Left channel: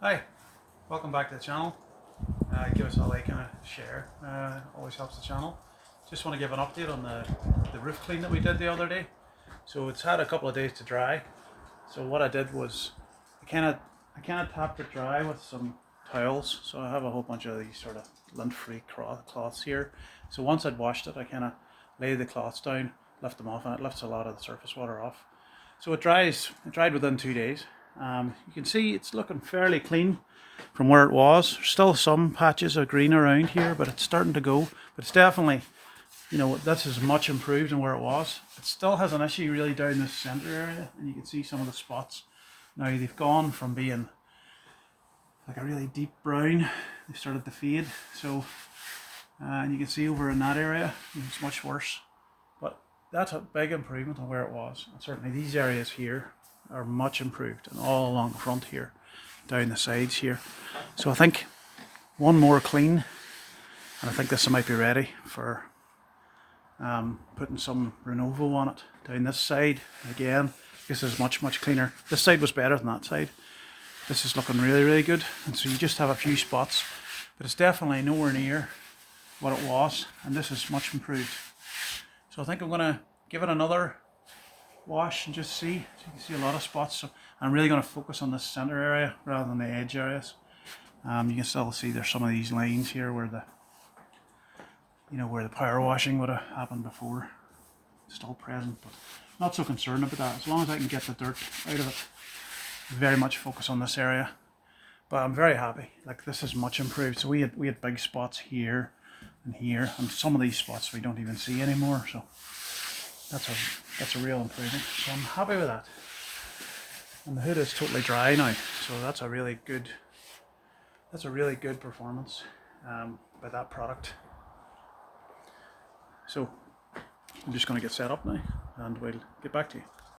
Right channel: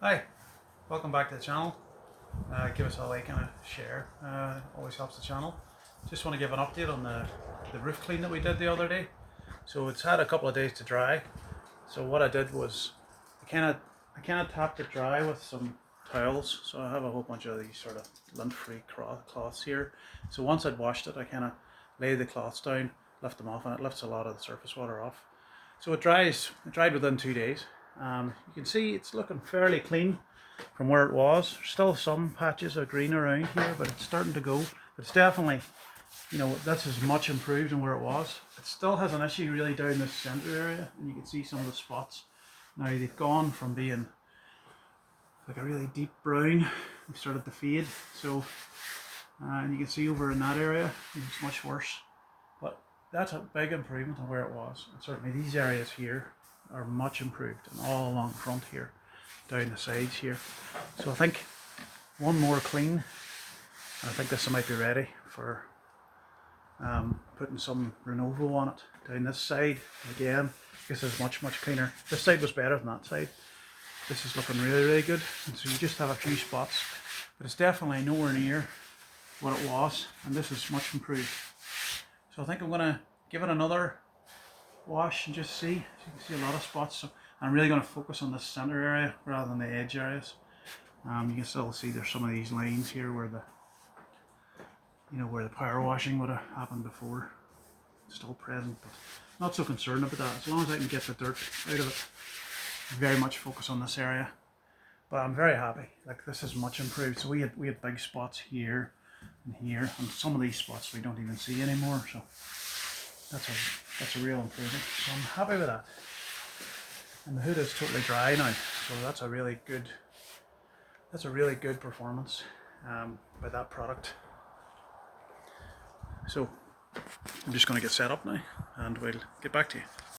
Hi, welcome back to the channel. Give us a like and a share, always helps the channel. Just want to give an update on the roof clean that we did the other day. So it's had a couple of days to dry. So what I did was I kind of tapped it dry with some towels. So I have a whole bunch of these sort of lint-free cloths here. So once I'd washed it, I kind of laid the cloths down, left them off, and it lifts a lot of the surface water off. So it dried within 2 days. You can see it's looking fairly clean from where it was. There's still some patches of green around here, but it's starting to go. But it's definitely, this is much improved than where it was. It still has an issue really down this centre area, and you can see some of the spots. Now they've gone from being like a really deep brown, they started to fade. So, and you can see over in that area, it's much worse. But that's a big improvement on where it was. And certainly these areas here are much improved, and all along the front here, down the sides here. So I think one more clean, and I think this might be ready for putting some Renovo on it down this side. Again, this is much cleaner. This side was better than that side. This is looking really good, and so you just have a few spots, but it's definitely nowhere near what it was, and this is much improved. So I think I'm going to give it another wash and just see. So you can see a lot of spots. So I'm really going to focus on the center area rather than the edge areas. You can still see there's some of these lines here where where the power washing would have happened before. It's still present, but not so concerned about that. As long as I can get the dirt out of it, very much focus on this area. But I'm very happy. Like, this is much improved. So we had big spots here and here, and some of these spots we don't even see anymore. So that's a real improvement. So I'm happy with that. And the hood is totally dry now, so that's a really good performance by that product. So I'm just going to get set up now, and we'll get back to you.